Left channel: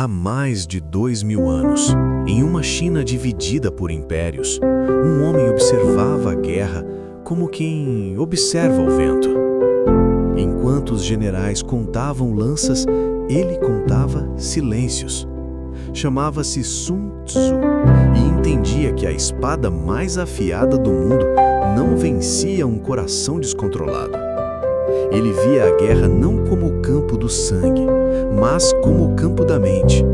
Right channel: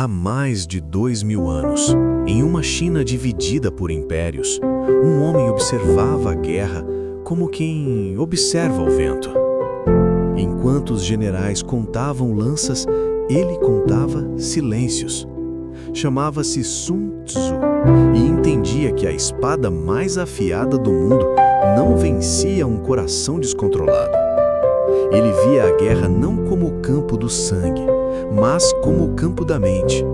Há mais de 2000 anos, em uma China dividida por impérios, um homem observava a guerra como quem observa o vento. Enquanto os generais contavam lanças, ele contava silêncios. Chamava-se Sun Tzu e entendia que a espada mais afiada do mundo não vencia um coração descontrolado. Ele via a guerra não como o campo do sangue, mas como o campo da mente.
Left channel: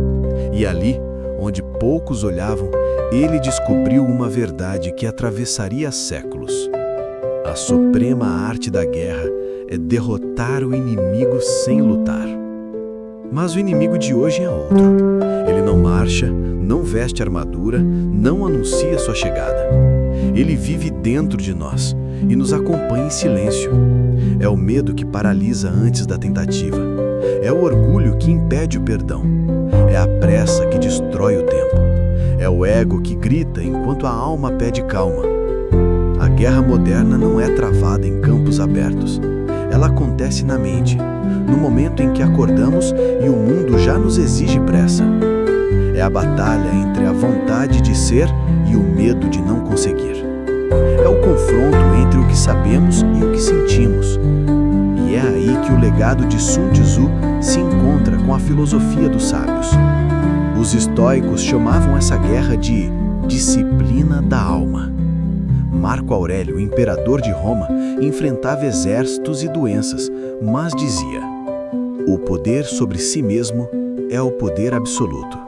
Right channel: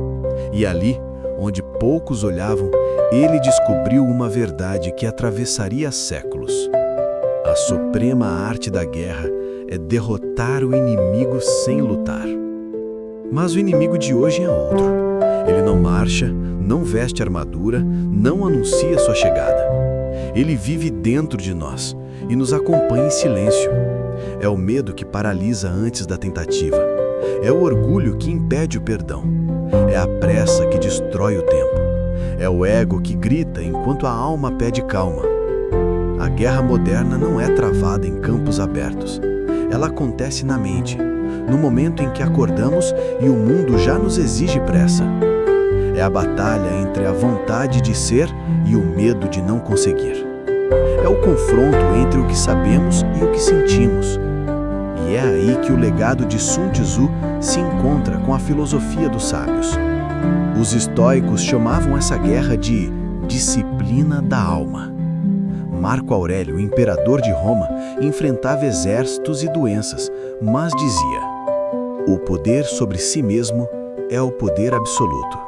E ali, onde poucos olhavam, ele descobriu uma verdade que atravessaria séculos. A suprema arte da guerra é derrotar o inimigo sem lutar. Mas o inimigo de hoje é outro. Ele não marcha, não veste armadura, não anuncia sua chegada. Ele vive dentro de nós e nos acompanha em silêncio. É o medo que paralisa antes da tentativa. É o orgulho que impede o perdão. É a pressa que destrói o tempo. É o ego que grita enquanto a alma pede calma. A guerra moderna não é travada em campos abertos. Ela acontece na mente, no momento em que acordamos e o mundo já nos exige pressa. É a batalha entre a vontade de ser e o medo de não conseguir. É o confronto entre o que sabemos e o que sentimos. E é aí que o legado de Sun Tzu se encontra com a filosofia dos sábios. Os estoicos chamavam essa guerra de disciplina da alma. Marco Aurélio, imperador de Roma, enfrentava exércitos e doenças, mas dizia: o poder sobre si mesmo é o poder absoluto.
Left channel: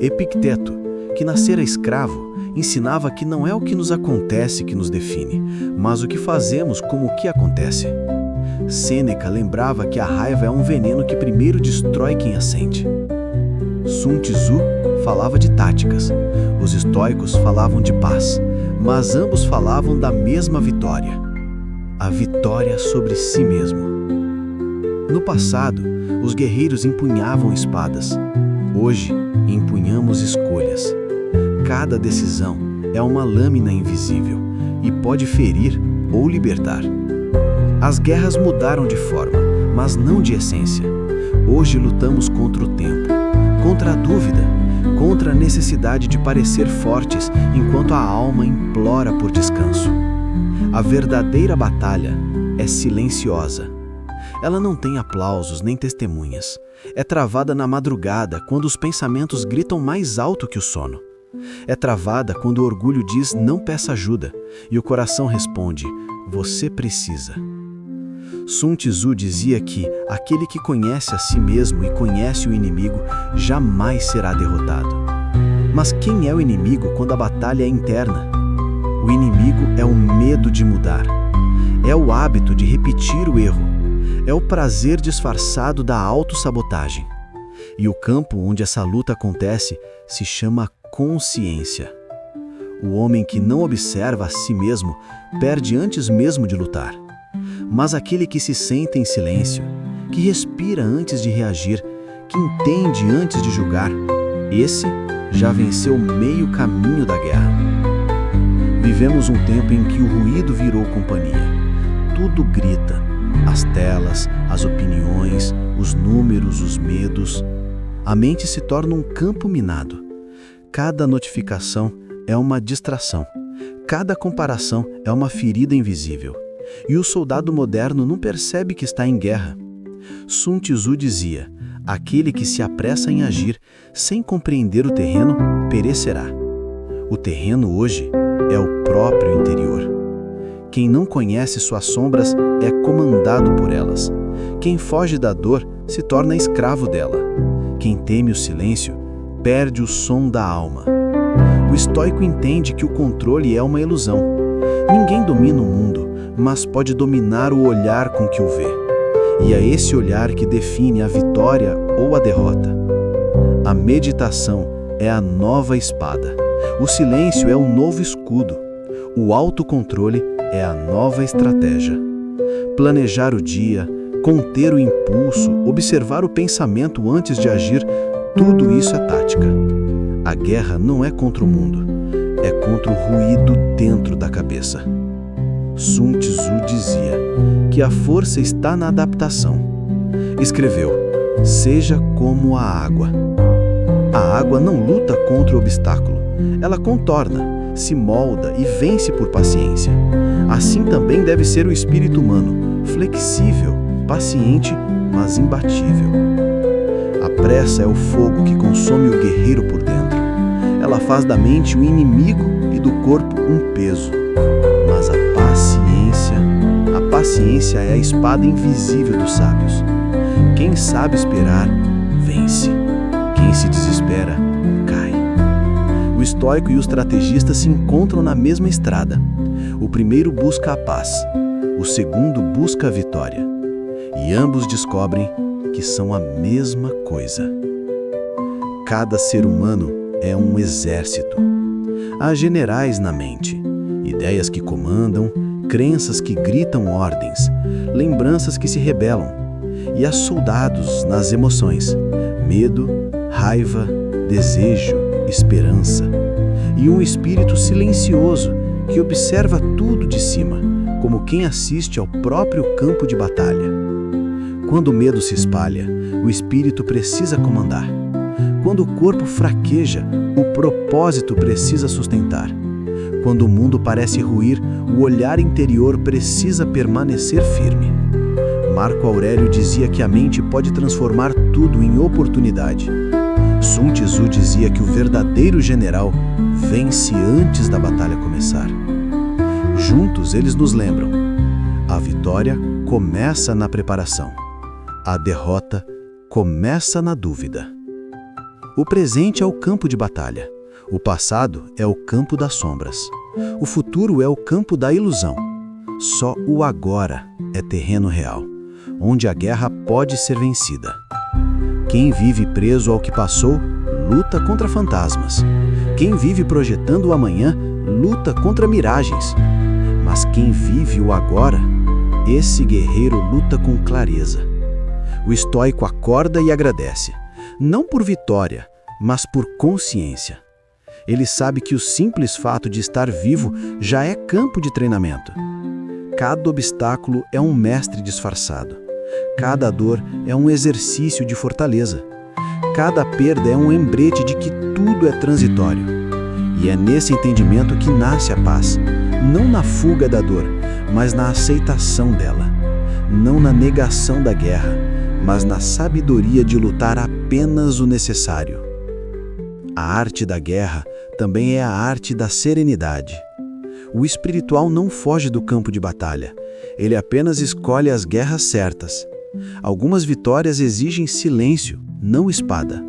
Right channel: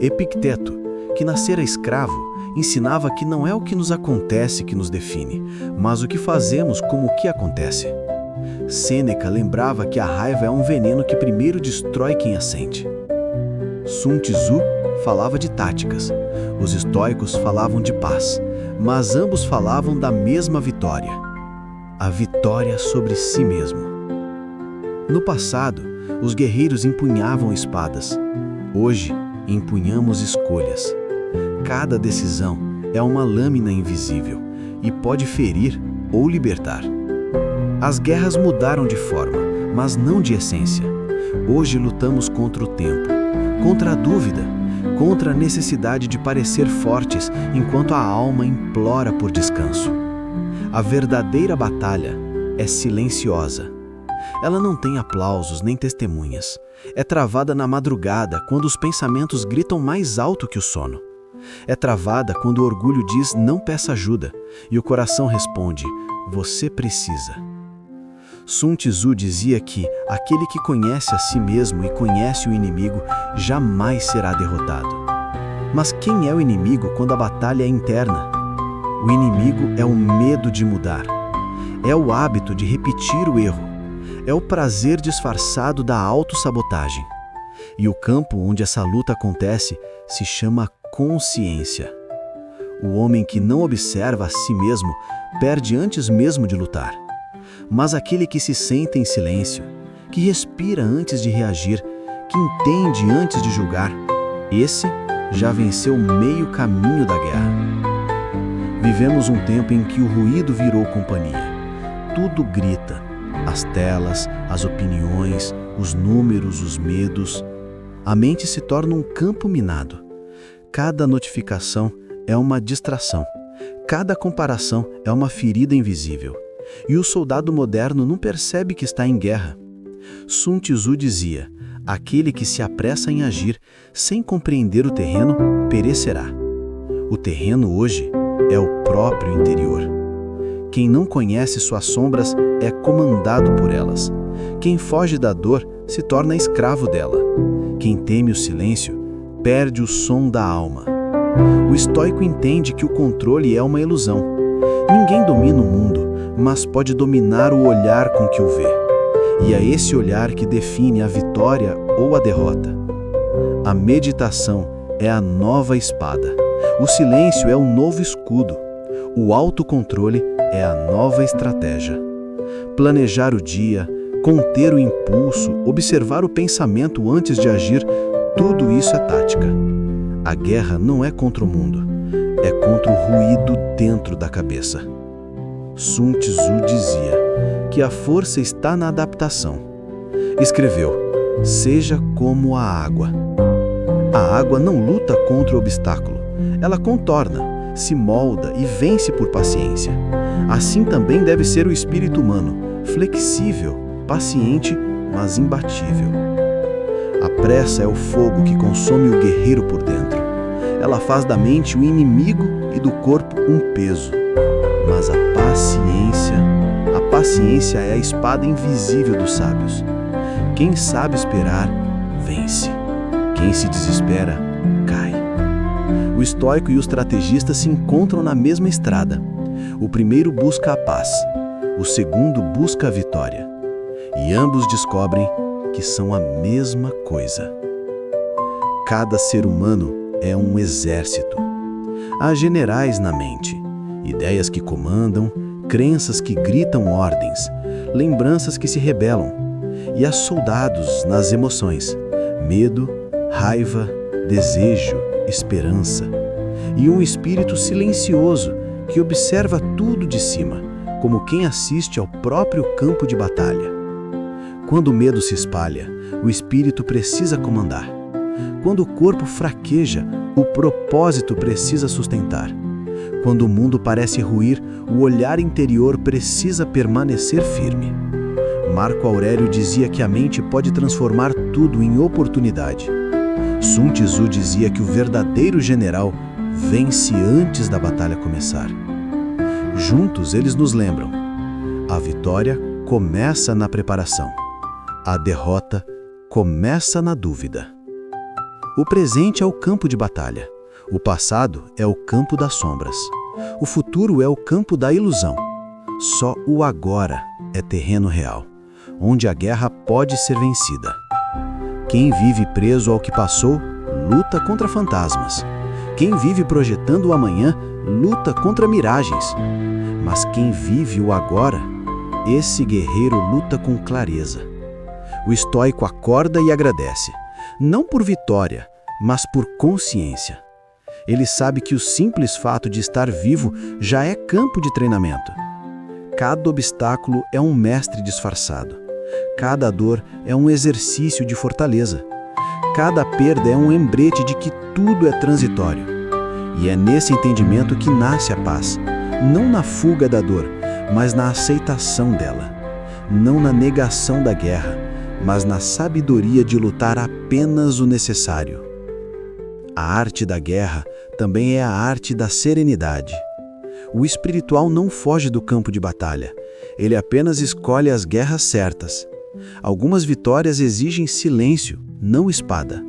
Epicteto, que nascera escravo, ensinava que não é o que nos acontece que nos define, mas o que fazemos como o que acontece. Sêneca lembrava que a raiva é um veneno que primeiro destrói quem a sente. Sun Tzu falava de táticas, os estoicos falavam de paz, mas ambos falavam da mesma vitória, a vitória sobre si mesmo. No passado, os guerreiros empunhavam espadas. Hoje, empunhamos escolhas. Cada decisão é uma lâmina invisível e pode ferir ou libertar. As guerras mudaram de forma, mas não de essência. Hoje lutamos contra o tempo, contra a dúvida, contra a necessidade de parecer fortes enquanto a alma implora por descanso. A verdadeira batalha é silenciosa. Ela não tem aplausos nem testemunhas. É travada na madrugada, quando os pensamentos gritam mais alto que o sono. É travada quando o orgulho diz não peça ajuda e o coração responde você precisa. Sun Tzu dizia que aquele que conhece a si mesmo e conhece o inimigo jamais será derrotado. Mas quem é o inimigo quando a batalha é interna? O inimigo é o medo de mudar. É o hábito de repetir o erro. É o prazer disfarçado da autossabotagem. E o campo onde essa luta acontece se chama consciência. O homem que não observa a si mesmo perde antes mesmo de lutar. Mas aquele que se senta em silêncio, que respira antes de reagir, que entende antes de julgar, esse já venceu meio caminho da guerra. Vivemos um tempo em que o ruído virou companhia. Tudo grita. As telas, as opiniões, os números, os medos. A mente se torna um campo minado. Cada notificação é uma distração. Cada comparação é uma ferida invisível. E o soldado moderno não percebe que está em guerra. Sun Tzu dizia: aquele que se apressa em agir sem compreender o terreno perecerá. O terreno hoje é o próprio interior. Quem não conhece suas sombras é comandado por elas. Quem foge da dor se torna escravo dela. Quem teme o silêncio perde o som da alma. O estoico entende que o controle é uma ilusão. Ninguém domina o mundo, mas pode dominar o olhar com que o vê. E é esse olhar que define a vitória ou a derrota. A meditação é a nova espada. O silêncio é o novo escudo. O autocontrole é a nova estratégia. Planejar o dia, conter o impulso, observar o pensamento antes de agir, tudo isso é tática. A guerra não é contra o mundo, é contra o ruído dentro da cabeça. Sun Tzu dizia que a força está na adaptação. Escreveu: seja como a água. A água não luta contra o obstáculo, ela contorna, se molda e vence por paciência. Assim também deve ser o espírito humano, flexível, paciente, mas imbatível. A pressa é o fogo que consome o guerreiro por dentro. Ela faz da mente o inimigo e do corpo um peso. Mas a paciência é a espada invisível dos sábios. Quem sabe esperar, vence. Quem se desespera, cai. O estoico e o estrategista se encontram na mesma estrada. O primeiro busca a paz, o segundo busca a vitória. E ambos descobrem que são a mesma coisa. Cada ser humano é um exército. Há generais na mente, ideias que comandam, crenças que gritam ordens, lembranças que se rebelam. E há soldados nas emoções, medo, raiva, desejo, esperança. E um espírito silencioso que observa tudo de cima, como quem assiste ao próprio campo de batalha. Quando o medo se espalha, o espírito precisa comandar. Quando o corpo fraqueja, o propósito precisa sustentar. Quando o mundo parece ruir, o olhar interior precisa permanecer firme. Marco Aurélio dizia que a mente pode transformar tudo em oportunidade. Sun Tzu dizia que o verdadeiro general vence antes da batalha começar. Juntos eles nos lembram: a vitória começa na preparação. A derrota começa na dúvida. O presente é o campo de batalha. O passado é o campo das sombras. O futuro é o campo da ilusão. Só o agora é terreno real, onde a guerra pode ser vencida. Quem vive preso ao que passou, luta contra fantasmas. Quem vive projetando o amanhã, luta contra miragens. Mas quem vive o agora, esse guerreiro luta com clareza. O estoico acorda e agradece, não por vitória, mas por consciência. Ele sabe que o simples fato de estar vivo já é campo de treinamento. Cada obstáculo é um mestre disfarçado. Cada dor é um exercício de fortaleza. Cada perda é um lembrete de que tudo é transitório. E é nesse entendimento que nasce a paz, não na fuga da dor, mas na aceitação dela. Não na negação da guerra, mas na sabedoria de lutar apenas o necessário. A arte da guerra também é a arte da serenidade. O espiritual não foge do campo de batalha, ele apenas escolhe as guerras certas. Algumas vitórias exigem silêncio, não espada.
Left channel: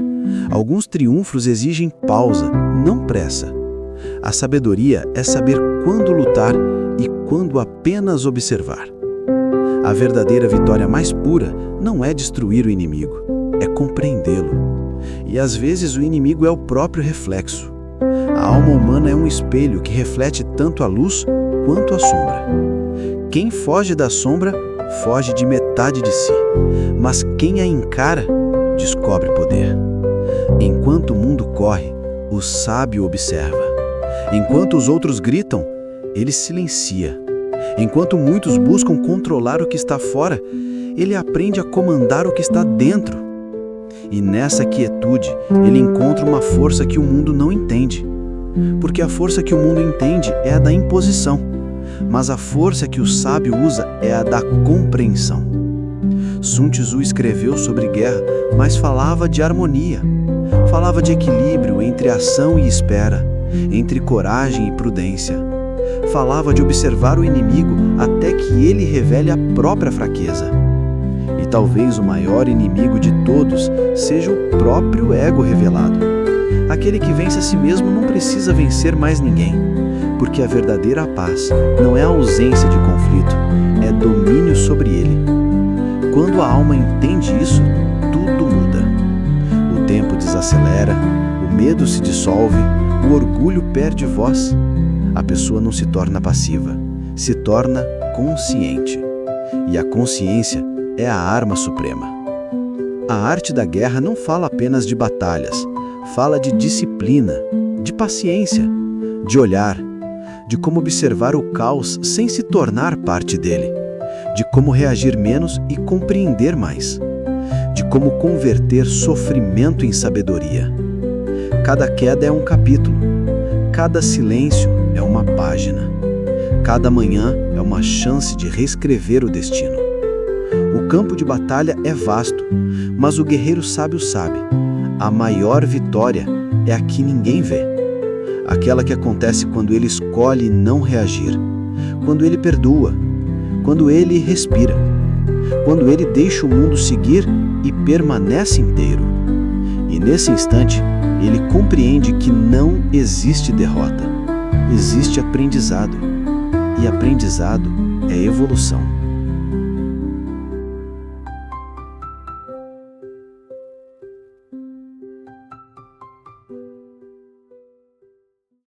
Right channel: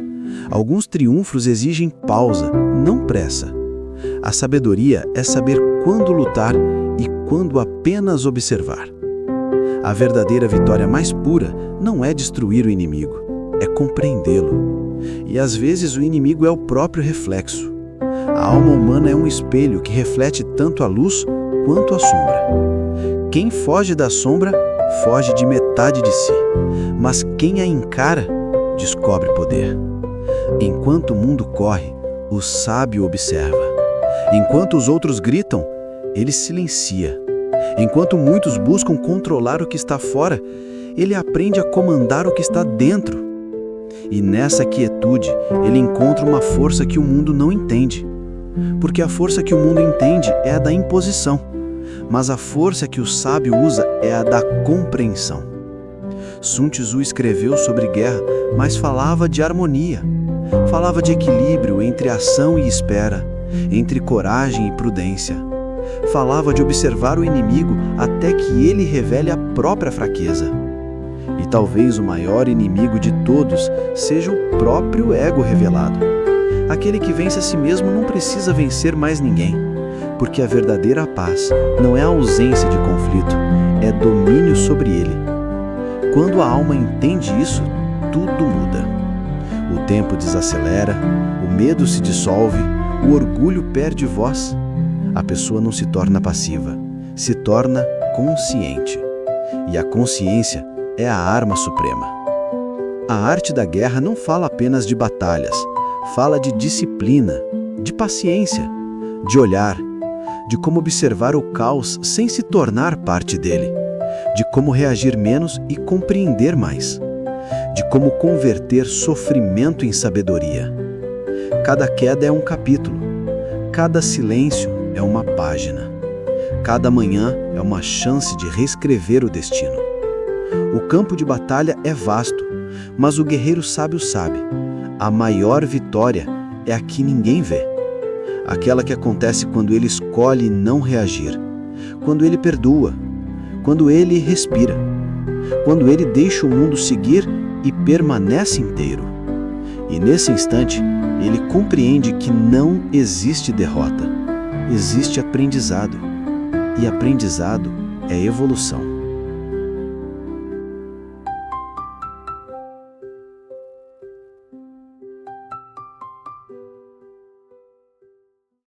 Alguns triunfos exigem pausa, não pressa. A sabedoria é saber quando lutar e quando apenas observar. A verdadeira vitória mais pura não é destruir o inimigo, é compreendê-lo. E às vezes o inimigo é o próprio reflexo. A alma humana é um espelho que reflete tanto a luz quanto a sombra. Quem foge da sombra, foge de metade de si. Mas quem a encara, descobre poder. Enquanto o mundo corre, o sábio observa. Enquanto os outros gritam, ele silencia. Enquanto muitos buscam controlar o que está fora, ele aprende a comandar o que está dentro. E nessa quietude, ele encontra uma força que o mundo não entende. Porque a força que o mundo entende é a da imposição, mas a força que o sábio usa é a da compreensão. Sun Tzu escreveu sobre guerra, mas falava de harmonia. Falava de equilíbrio entre ação e espera, entre coragem e prudência. Falava de observar o inimigo até que ele revele a própria fraqueza. E talvez o maior inimigo de todos seja o próprio ego revelado. Aquele que vence a si mesmo não precisa vencer mais ninguém, porque a verdadeira paz não é a ausência de conflito, é domínio sobre ele. Quando a alma entende isso, tudo muda. O tempo desacelera, o medo se dissolve, o orgulho perde voz. A pessoa não se torna passiva, se torna consciente. E a consciência é a arma suprema. A arte da guerra não fala apenas de batalhas, fala de disciplina, de paciência, de olhar, de como observar o caos sem se tornar parte dele, de como reagir menos e compreender mais, de como converter sofrimento em sabedoria. Cada queda é um capítulo. Cada silêncio é uma página. Cada manhã é uma chance de reescrever o destino. O campo de batalha é vasto, mas o guerreiro sábio sabe: a maior vitória é a que ninguém vê. Aquela que acontece quando ele escolhe não reagir, quando ele perdoa, quando ele respira, quando ele deixa o mundo seguir e permanece inteiro. E nesse instante, ele compreende que não existe derrota, existe aprendizado. E aprendizado é evolução.